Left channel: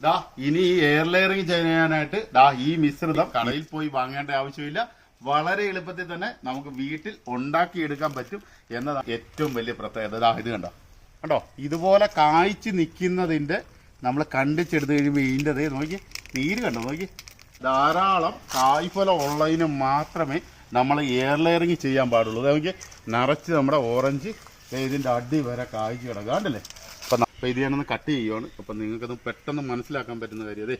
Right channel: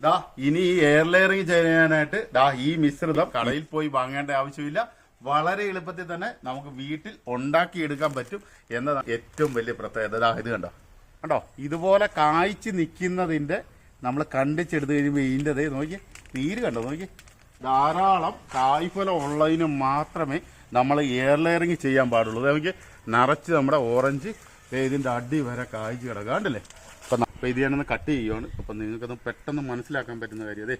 ദാ ഇനി ഈ എയർ ലെയറിംഗ് ചെയ്യാനായിട്ട് ദാ ഈ മിശ്രിതം കടയിൽ പോയി വാങ്ങേണ്ട ആവശ്യമില്ല. വളരെ എളുപ്പത്തിൽ തന്നെ നമുക്ക് വീട്ടിൽ ഉണ്ടാക്കിയെടുക്കാൻ പറ്റും എന്നതാണ് ഏറ്റവും വലിയ പ്രത്യേകത. ദാ ഇത് കണ്ടോ? കണ്ടോ? ഇതുപോലെ കായ്ച്ച് നിൽക്കുന്നതിന്റെ നമ്മൾ കണ്ടിച്ചെടുത്ത് കഴിയുമ്പോൾ ഇതിന്റെ ദേ നോക്കി നീര് കണ്ടോ? നോക്കി ധാരാളം കായ്ഫലം ഉള്ളതിന് മാത്രമേ നമ്മൾ എയർ ലെയറിങ് ചെയ്യാൻ പാടുള്ളൂ. ദേ നോക്കി നിറച്ച് നമ്മുടെ ഓറഞ്ച് ഇതിന്റെ അടി വരെ കായ്ച്ച് കിടക്കുക അപ്പം ഇത് ഞാനൊന്ന് കട്ട് ചെയ്യുവാണ്. അപ്പം നിങ്ങൾക്കത് പെട്ടെന്ന് മനസ്സിലാക്കാൻ പറ്റുന്ന കാര്യം. അതെ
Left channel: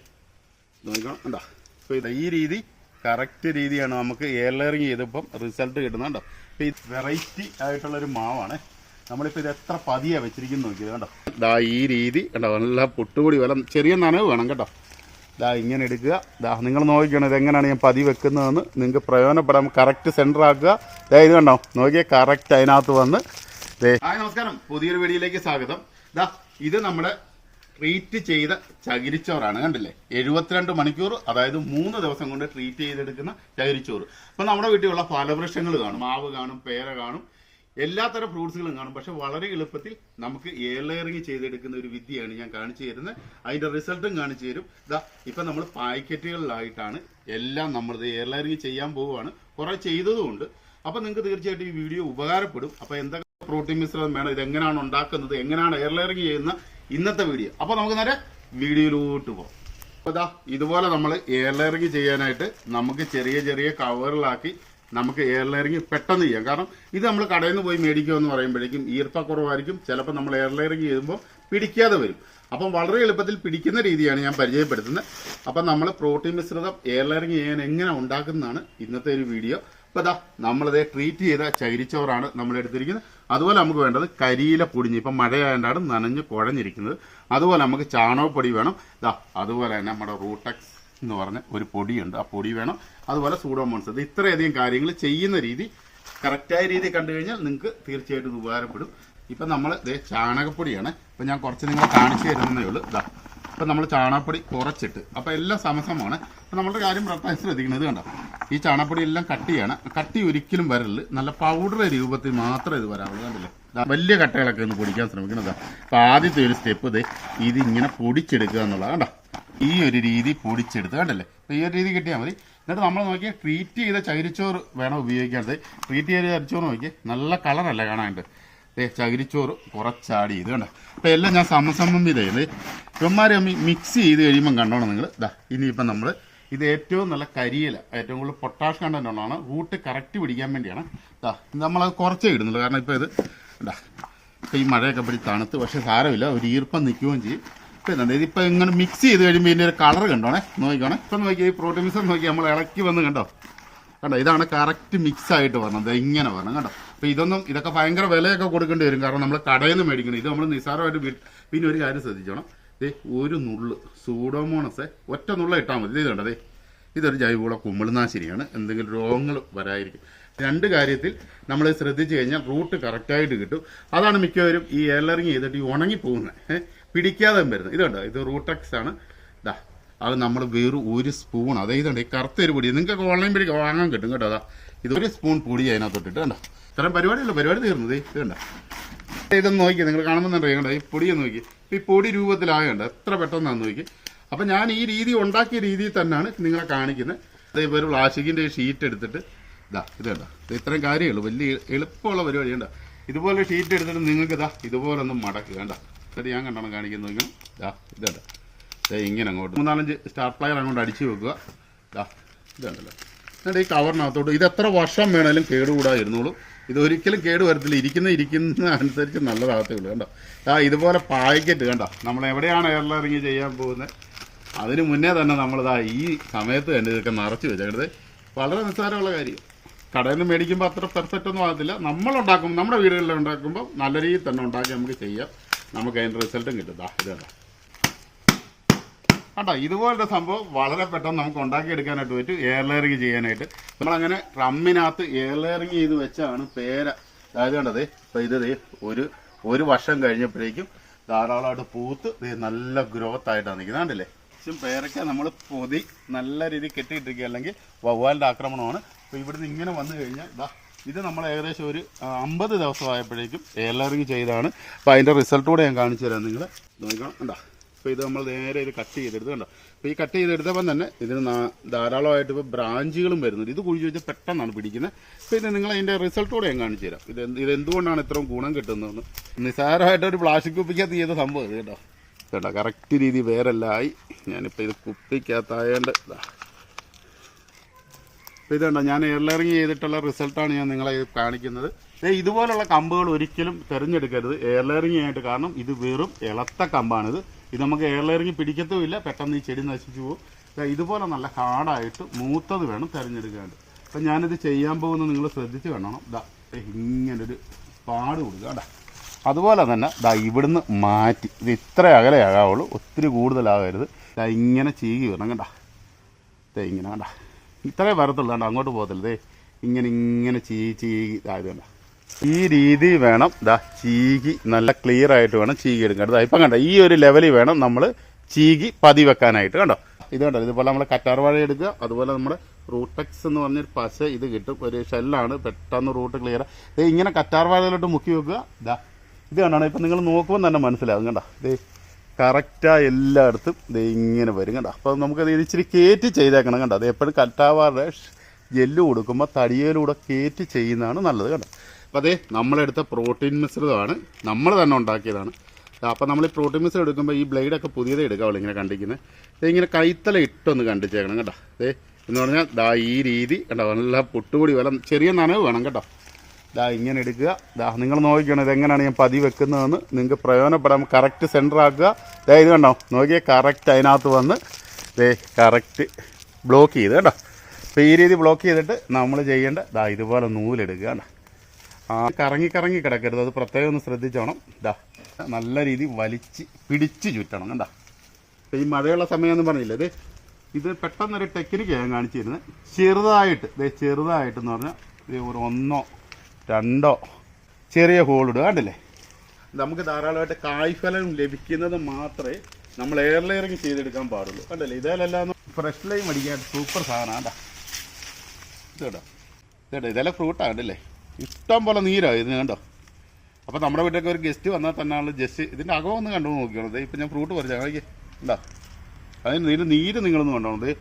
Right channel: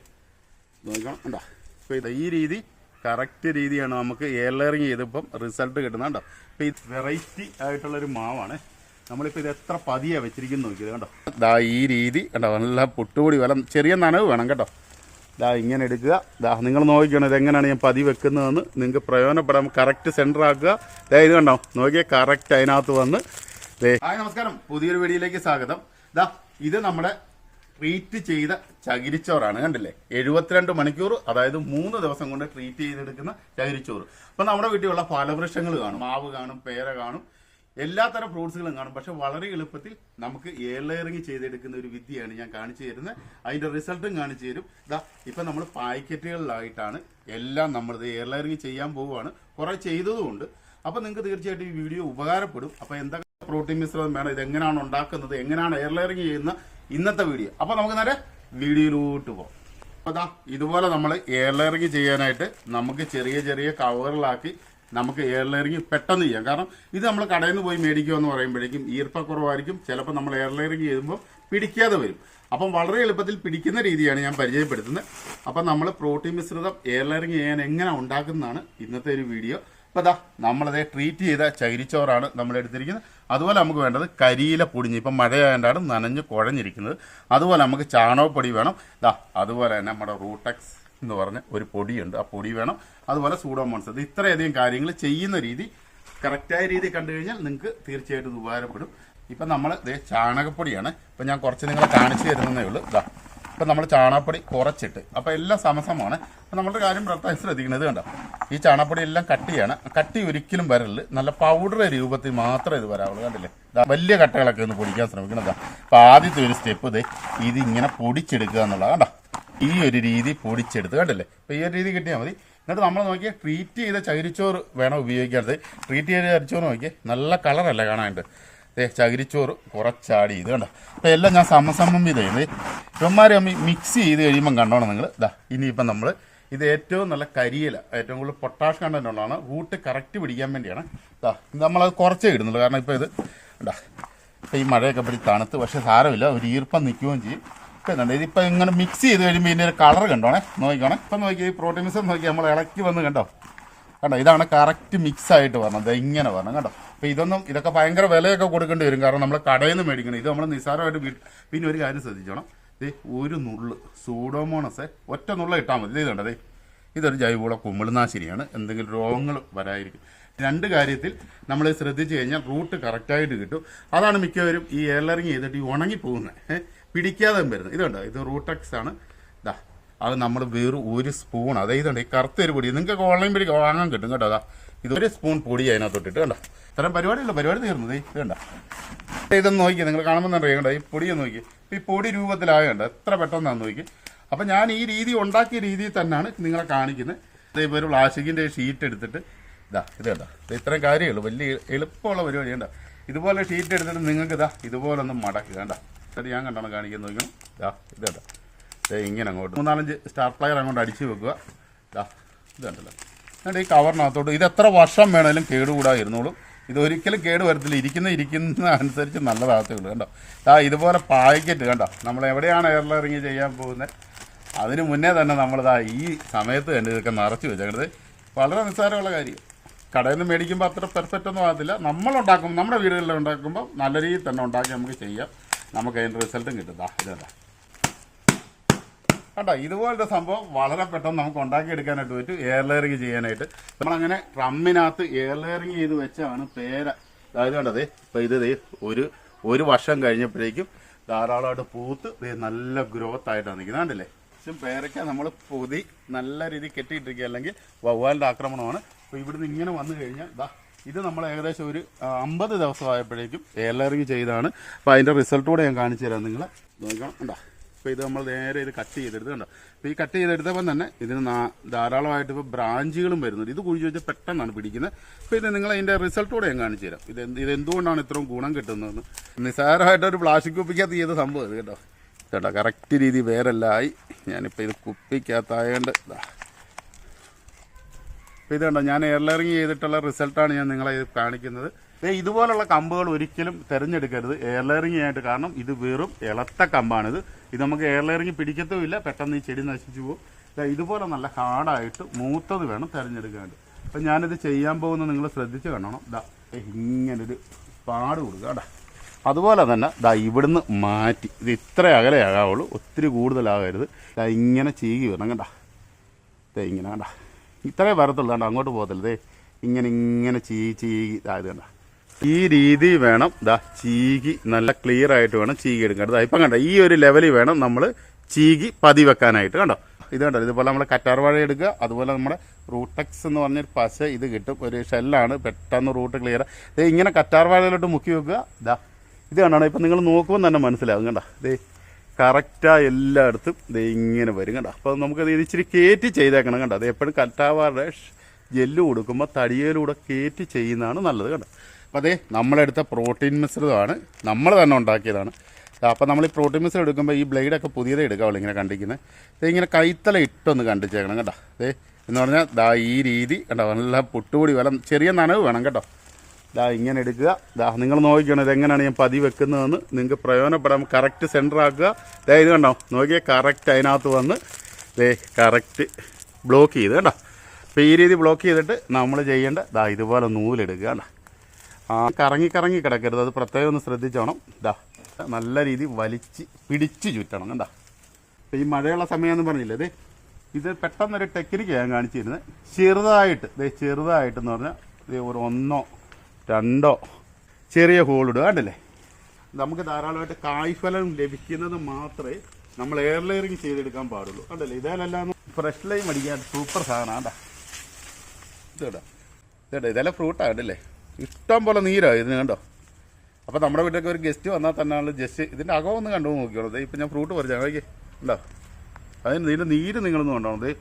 നോക്കണം കണ്ടോ? അപ്പോൾ ഇത് ഈ രീതി കറക്റ്റ് രീതിയാണ് നമുക്ക് എയർ ലെയറിങ് ചെയ്തപ്പം റിസൾട്ട് കിട്ടുന്നത് കണ്ടോ? ഈ വെറൈറ്റി ആയിട്ടുള്ളൊരു മാവാണ്. നമ്മളിപ്പോൾ ഇത് എത്ര പതിയാണ് വെച്ചിരിക്കുന്നു നോക്കിയത് കണ്ടോ? ദാ ഈ രീതി കണ്ടോ? നല്ല പുട്ടുപൊടി വലം ചെറിയ നനവ് വേണം കേട്ടോ. ദാ ഇങ്ങനെ എടുക്കുക. ദാ നിങ്ങൾ നോക്കിക്കണം ഇതെങ്ങനെയാണ് ഞാൻ പതി വെക്കുന്നതെന്ന്. നിങ്ങൾക്ക് പ്രയോജനപ്പെടാൻ കറക്റ്റ് സെന്റർ ആക്കുക. ദാ ഇത് കണ്ടോ? നോക്കിയാൽ കറക്റ്റ് അതിനകത്ത് വന്ന്. ദേ. നമസ്കാരം. പുതിയൊരു വീഡിയോയിലേക്ക് സ്വാഗതം. ദാ ഇത് നമ്മുടെ ട്രീറ്റ് ചെയ്ത ചകിരിച്ചോറാണ് കണ്ടില്ലേ? എഴുപത്തിരണ്ട് മണിക്കൂർ അതായത് മൂന്ന് ദിവസം കൊണ്ട് ട്രീറ്റ് ചെയ്തെടുക്കുന്ന ചകിരിച്ചോറ്. അപ്പം നമ്മുടെ വീട്ടിലുള്ള ഫലവൃക്ഷങ്ങൾ കാണും മാവ് കാണും പേര കാണും എല്ലാത്തരം ഫ്രൂട്ട്സുകളും കാണും. പക്ഷെ വളരെ എളുപ്പത്തിൽ നമുക്ക് എയർലെയറിങ് ചെയ്തെടുക്കുന്ന ഒരു വിദ്യയാണ് ഞാൻ കാണിച്ചു തരുന്നത്. അതിന്റെ റിസൾട്ടും കാണിച്ചു തരും. ഇതാ ഇപ്പം നമ്മൾ പാക്കറ്റുകളിലായിട്ടാണ് എല്ലാം നമ്മൾ എയർ ലെയറിങ് ചെയ്യാൻ പോവുകയാണ്. കുറെ ചെയ്തതുകൊണ്ട് അപ്പം നിങ്ങൾക്ക് തീർച്ചയായിട്ടും ഈ വീഡിയോ ഉപകാരപ്പെടും. അപ്പം എന്തൊക്കെ പ്രോട്ടീൻ മിശ്രിതം വേണം ഇത് എങ്ങനെയാണ് ഉണ്ടാക്കുന്നത് എങ്ങനെയാണ് എയർ ലെയറിങ് ചെയ്യുന്ന ഇന്നത്തെ വീഡിയോ അപ്പോൾ നമുക്ക് നേരെ വീഡിയോയിലോട്ട് പോകാം. അപ്പോൾ ദാ ഇതുപോലെ നമ്മൾ എയർ ലെയറിങ് ചെയ്യാനായിട്ട് നമുക്ക് ചെറിയ ചെറിയ കവറുകളാക്കി നമുക്ക് എയർ ലെയറിങ് പെട്ടെന്ന് ചെയ്യാം. കാരണം ഇത് നമ്മൾ കടയിൽ നിന്ന് പോയി മേടിക്കുക എന്ന് പറയുമ്പോഴേക്കും ഈർപ്പക്കുറവായിരിക്കും. ചിലപ്പോൾ നമ്മൾ എയർ ലെയറിങ് ചെയ്യുമ്പോൾ പിടിക്കാതെ വരും. അപ്പം വളരെ എളുപ്പത്തിൽ പിടിക്കുന്ന രീതിയാണ് ഞാൻ പരിചയപ്പെടുത്തുന്നത്. അപ്പം നമ്മൾ പ്രോട്ടീൻ മിശ്രിതം എയർ ലെയറിങ് ചെയ്യാൻ എങ്ങനെ ഉണ്ടാക്കുന്നതാണ് ഇന്നത്തെ ഒരു വീഡിയോ അപ്പോൾ അതാ നമ്മളതേ ട്രീറ്റ് ചെയ്ത ചകിരിച്ചോറാണ് നമ്മൾ എടുത്തിരിക്കുന്നത് അതുപോലെ നമുക്ക് വേണ്ടത് കരിയില പൊടിഞ്ഞ് ഇപ്പം മഴയായതുകൊണ്ടാണ് നനഞ്ഞ് കുഴഞ്ഞിരിക്കുന്നത്. അതുപോലെ നമുക്ക് ചാണകപ്പൊടി വേണം. ദാ അതുപോലെ തന്നെ നമ്മുടെ റൂട്ടക്സ് എന്ന് പറഞ്ഞ ഒരു പൊടിയുണ്ട്. ആ പൊടി വേണം. അതുപോലെ സൂഡോമോൺസ്. ഇത് ഇത്രയധികം കാര്യങ്ങൾ ചെയ്യുന്ന രീതി കറക്റ്റായ രീതി കണ്ടു കഴിഞ്ഞാൽ നിങ്ങൾക്ക് തീർച്ചയായിട്ടും ഇത് ഉപകാരപ്പെടും. ഇപ്പം നമ്മൾ ഇതേ ചാണകപ്പൊടിയാണ്. ഇപ്പം ഞാൻ കുറച്ച് നിങ്ങൾ കാണിച്ചു തരുന്നതേ ഉള്ളൂ. ഇതാ ഇപ്പം നമ്മൾ ചാണകപ്പൊടി കുറച്ചിട്ട് അപ്പം എല്ലാം സമസമാണ് അപ്പം നമ്മുടെ കാര്യം പ്രത്യേകം ശ്രദ്ധിക്കുന്നത് കണ്ടോ? ഈ ചാണകപ്പൊടി എല്ലാം കട്ടിയാണ് കട്ടി ഒരിക്കലും വരൽ നല്ല പൗഡർ രൂപത്തിൽ മാത്രമേ ഇത് വരാവുള്ളൂ. കണ്ടില്ലേ? വലിയ കട്ടകളൊക്കെ ഒന്ന് പൊടിക്കാൻ ശ്രമിക്കണം ഇതാ അപ്പം ആദ്യത്തെ ഒരു സ്റ്റെപ്പ് ഇത് ഇത് ഇങ്ങനെ പൊടിച്ചെടുക്കുക എന്നുള്ളത് കണ്ടോ ഈ ഒരു രീതി പൊടിച്ചെടുത്ത് കണ്ടല്ലേ? ഈ ഒരു രീതി കിട്ടിയാൽ മതി. എന്നിട്ട് നമ്മൾ നോക്കിയാൽ ട്രീറ്റ് ചെയ്ത ചകിരിച്ചോറ് വേണം ഉപയോഗിക്കാത്തത്? ട്രീറ്റ് ചെയ്ത ചകിരിച്ചോറ് നോക്കിയാൽ നല്ല കളറല്ല കാണാനുണ്ട് ചകിരിച്ചോറ് കുറച്ചാടി ഇത് കണ്ടോ? അപ്പോൾ എല്ലാം ഞാൻ സമസമം ചെയ്തേ ഇവന്മാരെ മിക്സ് ചെയ്ത് കഴിയുമ്പം കണ്ടോണം നിങ്ങൾ ഇതാ ഇനിയിപ്പം നമ്മൾ ഇത് ഏറ്റവും നല്ല കരിയില ഏറ്റവും കൂടുതൽ പൊട്ടാഷ് കണ്ടന്റ് ഉള്ളതാണ്. റൂട്ട് കറക്റ്റ് പിടിക്കാൻ വേണ്ടിയാണ്. നമ്മളത് കുറച്ചേ ഇടുന്നുള്ളൂ. കാരണം ഇപ്പോൾ ഇത് ഇതാ ഇപ്പം ഈ മഴയൊക്കെ പിടി തണുത്ത് പക്ഷേ സാരമില്ല. ഒരു ഈർപ്പം നിൽക്കുകയും ചെയ്യും. കണ്ടോ ഇതിപ്പോൾ ഇങ്ങനെ മിക്സ് ചെയ്ത് കഴിയുമ്പോൾ ഇതിന്റെ ഒരു കളർ കണ്ടോണേ? നോക്കിക്കോണേ. ഇപ്പം നോക്കി ഈ പ്രോട്ടീൻസ് നോക്കി നമ്മൾ ഇളക്കി വന്ന് കണ്ടോ? കണ്ടോ ഇതാണ് കറക്റ്റ് മിക്സ് ആയിട്ട് ദേ ഇങ്ങനെ വരണം കണ്ടോ? അപ്പോൾ ഇതൊന്നും ഇതൊക്കെ ഭയങ്കര വിലയൊക്കെ കൊടുക്കേണ്ടി വരും. കാരണം നമ്മൾ കടയിൽ നിന്ന് മേടിക്കണം. ഇത് നമ്മൾ നിസ്സാരമായിട്ട് പിന്നെ ഒരു കാര്യം ശ്രദ്ധിച്ചോണം. ദേ ഒരു നുള്ള് സൂഡോമോണസ് ഒറ്റ നുള്ള ഇട്ടാൽ മതി. ദേ ഇതൊരു ജൈവവള കുമിളുനാശിനിയാണ് എന്തെങ്കിലും രോഗങ്ങൾ വരായിരിക്കും രണ്ട് കാര്യത്തിൽ നമ്മൾ ശ്രദ്ധിച്ചു കഴിഞ്ഞാൽ റൂട്ട് കറക്റ്റായിട്ട് കിട്ടും. അതാണ് മിക്കവരും ഈ എല്ലറിങ് ചെയ്തിട്ട് ഈ ഉണങ്ങി പോകുന്നത് പിടിക്കാതെ വരുന്നത്. ഇതുണ്ടോ ഇത് റൂട്ടക്സ് ആണ്. ഇതാ അത് നമ്മൾ വെറും ഒരു സ്പൂൺ അതെ ഇതുണ്ട് ഈ കറുത്ത ഒരു പൊടി. നിങ്ങൾക്ക് ഓൺലൈൻ വഴി വാങ്ങാൻ കിട്ടും കേട്ടോ അതാ ഇത് ഒരു സ്പൂൺ പൊടി അതിനകത്തോട്ടിട്ട് കണ്ടോ. ഇത്രയും പരിപാടിയല്ല പരിപാടി തീർന്നത് ഇത് കണ്ടോ. ഇതൊന്ന് നോക്കി നിങ്ങൾ കാണുമ്പോൾ കണ്ടോ ഈ പൊടിയൊന്ന് നോക്കി. ഈ പൊടി രൂപത്തിലായുണ്ട് എത്ര പെട്ടെന്നാന്ന് നോക്കി. അപ്പം ഞാൻ ഈ രീതി ഉണ്ടാക്കിയ രീതിയിൽ തന്നെയാണ് നിങ്ങളെ കാണിക്കുന്നത്. ഇതേപോലെ ഒരു പ്ലാസ്റ്റിക്കിന്റെ ഷീറ്റ് എടുത്തിട്ട് ഇതാ ഇത് കണ്ടോ? ഇത് ഇത്രയും കാര്യമുള്ളൂ. വലിയ എളുപ്പമുള്ള പരിപാടി ഉണ്ട് ഇതുപോലെ ഷീറ്റ് എടുത്തിട്ട് നിങ്ങൾക്ക് ഇതാ ഇതുപോലെ ഒന്ന് മടക്കുക വേണ്ട ഇത് ഞാൻ കണ്ടാണ് കാണിക്കുന്നത് നോക്കണം ഇതാ ഇത് കണ്ടോ? ദേ ഇങ്ങനെ അങ്ങോട്ട്. മൂന്നാലഞ്ച് സ്റ്റാർ പ്ലയർ അങ്ങോട്ട് അടിച്ചു വെക്കുക. ഇതാ ഇത് കണ്ടല്ലോ. എന്നിട്ട് ഈ കവറിനകത്തോട്ട് ഇത് എത്ര വർഷം വേണേലും കേടുകൂടാ ഇരുന്നോളും ഇത് ഒരിക്കലും കേട് വരത്തില്ല. ഇരിക്കുന്ന ഇരിക്കുന്ന അനുസരിച്ച് നല്ല ഉള്ളൂ കണ്ടോ? ആ ഇതുപോലെ പാക്കറ്റ് കണ്ടോ? നമ്മൾ എവിടെയാണ് എയർലറിങ് ചെയ്യാൻ പോകുന്നത്? അതിന് മുന്നേ തന്നെ നമ്മളിതാ ഈ സമയത്ത് കണ്ട് ഇതൊക്കെ നിറച്ച് വെച്ചേക്കണത്. വളരെ നിസ്സാരമുള്ള കാര്യം. കടയിൽ നിന്ന് മേടിക്കുമ്പോൾ അത്ര പെർഫെക്റ്റ് ഒന്നും ആകത്തില്ല. നമ്മൾ ഉണ്ടാക്കും നമ്മുടെ വീടുകളിൽ ഉണ്ടാക്കുമ്പോൾ നല്ല രീതിയിൽ തന്നെ ഉണ്ടാക്കി നമുക്ക് ചെയ്യാം. നമുക്ക് അതിന്റെ റിസൾട്ടും കിട്ടും. ദാ ഇത് കണ്ടോ ഇതുപോലത്തെ സംഭവം വളരെ പെട്ടെന്ന് നമുക്ക് ഉണ്ടാക്കിയെടുക്കാനായിട്ട് പറ്റും എയർ ലെയറിങ് ചെയ്യാനായിട്ട്. നമ്മളങ്ങനെ റമ്മിനകത്ത് എയർ ലെയറിങ് ചെയ്ത് വെച്ചാണ് പേര. അതായത് കണ്ടത് ഇപ്പം ഇത് ഒരു ഒരു വർഷം കഴിഞ്ഞപ്പോഴേക്കും ധാരാളമായിട്ട് പൂത്ത് നല്ല ഗ്രോത്ത് ആയിട്ടാണ് നിൽക്കുന്നത്. കണ്ടില്ലേ? പക്ഷേ പേരയ്ക്ക നമ്മൾ പൊതി നല്ല രീതിയിൽ കെട്ടിയിട്ടിരിക്കുക അല്ലെങ്കിൽ വവ്വാലിന്റെ ആക്രമണമാണ്. അപ്പോൾ ഇവിടുന്ന് ഇങ്ങനെ വന്നു കഴിഞ്ഞാൽ ഇതാ ഇത് നമ്മൾ ഏകദേശം ഒരു അമ്പത് ദിവസമായപ്പോഴേക്കും എയർ ലെയറിങ് ചെയ്താണ്. അപ്പോൾ അതിന്റെ റിസൾട്ട് കൂടെ ഞാൻ കാണിച്ചു തരാം നിങ്ങൾ നോക്കണം ഉണ്ടോ അപ്പോൾ ഇത് നമ്മൾ നേരെ ഇത് കട്ട് ചെയ്തെടുത്ത് കണ്ടോ? അപ്പോൾ ഈ കട്ട് ചെയ്തെടുത്തപ്പം തന്നെ ഇതിന് ധാരാളമായിട്ട് ഇപ്പോൾ ബ്രാഞ്ചുകളും വരുന്നുണ്ട്. ഇത് കുഴിച്ച് വെച്ചാൽ പെട്ടെന്നാണ് പിടിക്കുന്നത്. അപ്പോൾ ഇത് നിങ്ങൾ അതിന്റെ റിസൾട്ടോടെ ഞാൻ കാണിച്ചു തരാം. ഇത് ഇത് എന്തുകൊണ്ടാണ് ഇത്രയും ഗുണം കിട്ടുന്നതെന്ന്? നിസ്സാരമായിട്ട് ഒരു പ്ലാസ്റ്റിക് കുപ്പിക്കകത്ത് ചെയ്ത സംഭവം ഇത് കേട്ടോ കേട്ടോ കറക്റ്റ് രീതി വേറെല്ലായി. ഞാനിപ്പോൾ ഇത് കുപ്പിക്കകത്തായതുകൊണ്ട് ഇതാ കണ്ടോ ഞാൻ എയർലറിങ് ചെയ്തിട്ടുള്ള റിസൾട്ടാണ് ഞാൻ നിങ്ങളെ കാണിക്കുന്നത്. ദേ ഇതുപോലുള്ള കമ്പുകൾ ഒരിക്കലും തിരഞ്ഞെടുക്കരുത് എയർലറിങ് ആയിട്ട് കാരണം ഇത് വെറും ഇളത്ത കമ്പാണിത്. ഇത് നമുക്ക് എയർലറിങ് പിടിക്കത്തുമില്ല. പെട്ടെന്ന് ഈ ചെടി നശിച്ചു പോകും. ഇതുപോലെ നല്ല ഹാർഡായിട്ട് മൂത്തത് വേണം തിരഞ്ഞെടുക്കാണ്ട് അപ്പം ഞാനിത് ചെയ്യാൻ പോകുന്നത് നിങ്ങൾ ശ്രദ്ധിച്ച് കാണണം ദാ ഇങ്ങനെ ഇങ്ങനൊരു പാട് കൊടുക്കുക കേട്ടോ. അതുപോലെ തന്നെ ദാ ഇവിടുന്ന് മാറ്റി. ഇത് ഇത്ര അകലെ ആകാവുള്ളൂ. ഒത്തിരി കൂടുതലാകരുത്. ഇങ്ങനെ ചെയ്യുക വരണം ഇതാ ഇങ്ങനെ കണ്ട. ഇത്രേ വരത്തുള്ളൂ. കണ്ട അങ്ങോട്ട് പോകത്തില്ല. ഇങ്ങനെ ഇങ്ങനെ ചീകി ചീകി ഇതായത് കണ്ട. ഈ രീതി വേണം ദാ ചീകി നല്ല ക്ലിയർ ആയിട്ട് വേണം ചീകി എടുക്കേണ്ടത് ഇപ്പം കണ്ട ഈ ഒരു ലെവലിൽ വേണം നമ്മൾ ചീകി പതി വെക്കാനായിട്ട് കണ്ടോ. ഇത് കണ്ടോ ഇതുപോലെ നമ്മൾ കറ്റാർവാഴ എടുക്കുക. അതുപോലെ നമ്മുടെ റൂട്ടെക്സ് എന്ന് പറഞ്ഞൊരു പശ ഇത് കിട്ടും. ഒരു ഷെല്ലാണ് പെട്ടെന്ന് റൂട്ട് ക്ലിയർ ഇങ്ങനെ കറ്റാർവാഴയിലോട്ട് മുക്കി വെക്കുക. ദാ ഇത് കണ്ടാണ്? ഇപ്പം നിങ്ങൾ നോക്കുമ്പോൾ തന്നെ മനസ്സിലാകും കണ്ടോ. ദേ കറക്റ്റായി എല്ലായിടത്തും ഇത് ഇങ്ങനെ വരും കണ്ട? അപ്പോൾ നമുക്കത് ഇച്ചിരി കയറ്റി ചെയ്തേക്കണം കണ്ട? അത് എപ്പോഴും കട്ടാവാതെ ജെല്ല് കൊടുക്കുമ്പോൾ തടിയയിലൂടെ കയറ്റി ചെയ്യുന്നതാണ് നല്ലത് കണ്ട? അപ്പോൾ അതേ നമ്മളെടുത്ത പ്രോട്ടീൻ മിശ്രിതമാണ് നമ്മൾ തന്നെ ഉണ്ടാക്കിയതാണ്. അപ്പോൾ നമ്മൾ ഈ പ്രോട്ടീൻ മിശ്രം എടുക്കുമ്പോൾ ഈ ബ്ലേഡൊക്കെ പുതിയതേ എടുക്കാവുള്ളൂ ഇങ്ങനെ കണ്ടിരിക്കുന്നത് ഇങ്ങനെ കൈത്തല ഇട്ടൊന്ന് കണ്ടിച്ചേക്കണം കേട്ടോ അതേ എന്ന് പറഞ്ഞാൽ ദാ ഈ രീതി കേട്ടോ നല്ല പുട്ടുപൊടി വലം ചെറിയ നനവ് വേണം കേട്ടോ ദാ ഇങ്ങനെ എടുക്കുക. ദാ നിങ്ങൾ നോക്കിക്കണം ഇതെങ്ങനെയാണ് ഞാൻ പതി വെക്കുന്നതെന്ന്. നിങ്ങൾക്ക് പ്രയോജനപ്പെടാൻ കറക്റ്റ് സെന്റർ ആക്കുക. ദേ ഇത് കണ്ടോ? നോക്കിയാൽ കറക്റ്റ് അതിനകത്ത് വന്ന് ദേ കറക്റ്റ് ബ്ലോക്ക് ചെയ്ത് കേട്ടോ അപ്പോൾ ഈ രീതി ബ്ലോക്ക് ചെയ്തിട്ട് നമ്മൾ ചെയ്യേണ്ട ദാ ഇതുപോലെ നൂലെടുക്കുക കേട്ടോ ആ കറങ്ങി കറങ്ങി കിടക്കരുത്. അത് പ്രത്യേകം ഒന്ന് ശ്രദ്ധിച്ചോണം. ദാ നല്ല രീതി വലിച്ച് പിടിച്ച് ചുറ്റണം കണ്ടോ? ഈ മഴയുള്ള സമയം എന്ന് പറഞ്ഞില്ലേ? ഇത് ഇത് പെട്ടെന്നൊരു ടെക്നിക്ക് ഞാൻ കാണിച്ചിരുന്നത്. ചെറുതായിട്ട് ദേ ചെറുതായിട്ടെന്ന് പറഞ്ഞാൽ ഒരു ഒന്നോ രണ്ടോ? ചെറിയ ഹോളിടുക കണ്ടില്ലേ? നമുക്ക് ധാരാളമായിട്ട് കായ്ഫലം ലഭിക്കുന്നത് മാത്രമേ നമ്മൾ എയർ ലെയറിങ് ചെയ്തെടുക്കാൻ പാടുള്ളൂ. കണ്ടല്ലേ? ഇതെല്ലാം ഫ്രഷ് ലൈം അടിക്കാൻ സൂപ്പർ സാധനമാണ് കേട്ടോ. കേട്ടോ ഇതെല്ലാം ഫ്രൂട്ടാണ് കണ്ടല്ലേ? ഇഷ്ടം പോലെ നീരാണ് ഇതിന് കണ്ടോ? അപ്പോൾ നമ്മുടെ വീട്ടിലൊക്കെ ഒരു ഗസ്റ്റ് വന്നാൽ തന്നെ ആൾ ജസ്റ്റ് ഇതിന്റെ അകം ഒന്ന് കണ്ടു നോക്കിയോളൂ ഇപ്പം ഞാൻ ഫ്രൂട്ട് പറിച്ചു നോക്കി. ഉണ്ടോ അതിന് ഇതിന്റെ നീര് നിങ്ങളൊന്ന് കണ്ടോ? ദേ.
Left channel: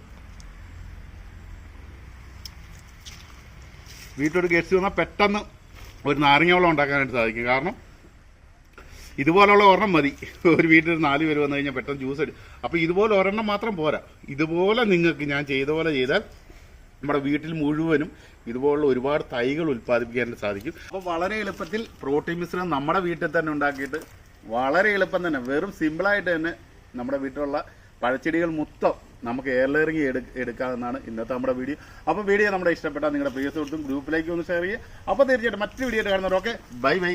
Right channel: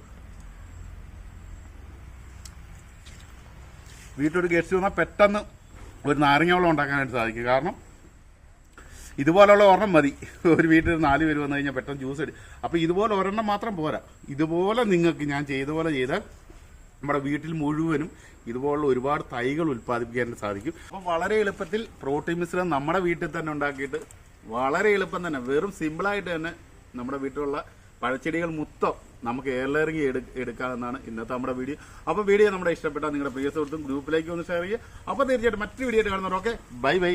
വീട്ടിലൊരു ഗസ്റ്റ് വന്നാൽ പെട്ടെന്ന് ഒരു നാരങ്ങ വെള്ളം ഉണ്ടാക്കാനായിട്ട് സാധിക്കും. കാരണം ഇതുപോലുള്ള ഒരെണ്ണം മതി. ഒരു വീട്ടിൽ നാല് പേര് വന്നു കഴിഞ്ഞാൽ പെട്ടെന്ന് ജ്യൂസ് എടുക്കും അപ്പോൾ ഇതുപോലെ ഒരെണ്ണം മാത്രം പോരാ. ഇതുപോലെ നിങ്ങൾക്ക് ഞാൻ ചെയ്ത പോലെ ചെയ്താൽ നമ്മുടെ വീട്ടിൽ മുഴുവനും ഇതുപോലുള്ള ഒരുപാട് തൈകൾ ഉൽപ്പാദിപ്പിക്കാനായിട്ട് സാധിക്കും. അപ്പോൾ വളരെ എളുപ്പത്തിൽ പ്രോട്ടീൻ മിശ്രം നമ്മുടെ വീട്ടിൽ തന്നെ ഉണ്ടാക്കിയിട്ട് വളരെ എളുപ്പം തന്നെ വെറും സിമ്പിളായിട്ട് തന്നെ നമ്മുടെ വീട്ടിലുള്ള പഴച്ചെടികൾ മൊത്തം നമുക്ക് എയർ എടുക്കാമെന്നാണ് ഇന്നത്തെ നമ്മുടെ വീഡിയോ. അപ്പോൾ വീഡിയോ നമ്മുടെ ഇഷ്ടപ്പെട്ടാൽ നിങ്ങളുടെ പ്രിയ സുഹൃത്തും ഗ്രൂപ്പിലേക്ക് ഒന്ന് ഷെയർ ചെയ്യുക. അപ്പോൾ തീർച്ചയായിട്ടും മറ്റൊരു വീഡിയോ കാണുന്നവരൊക്കെ ബൈ ബൈ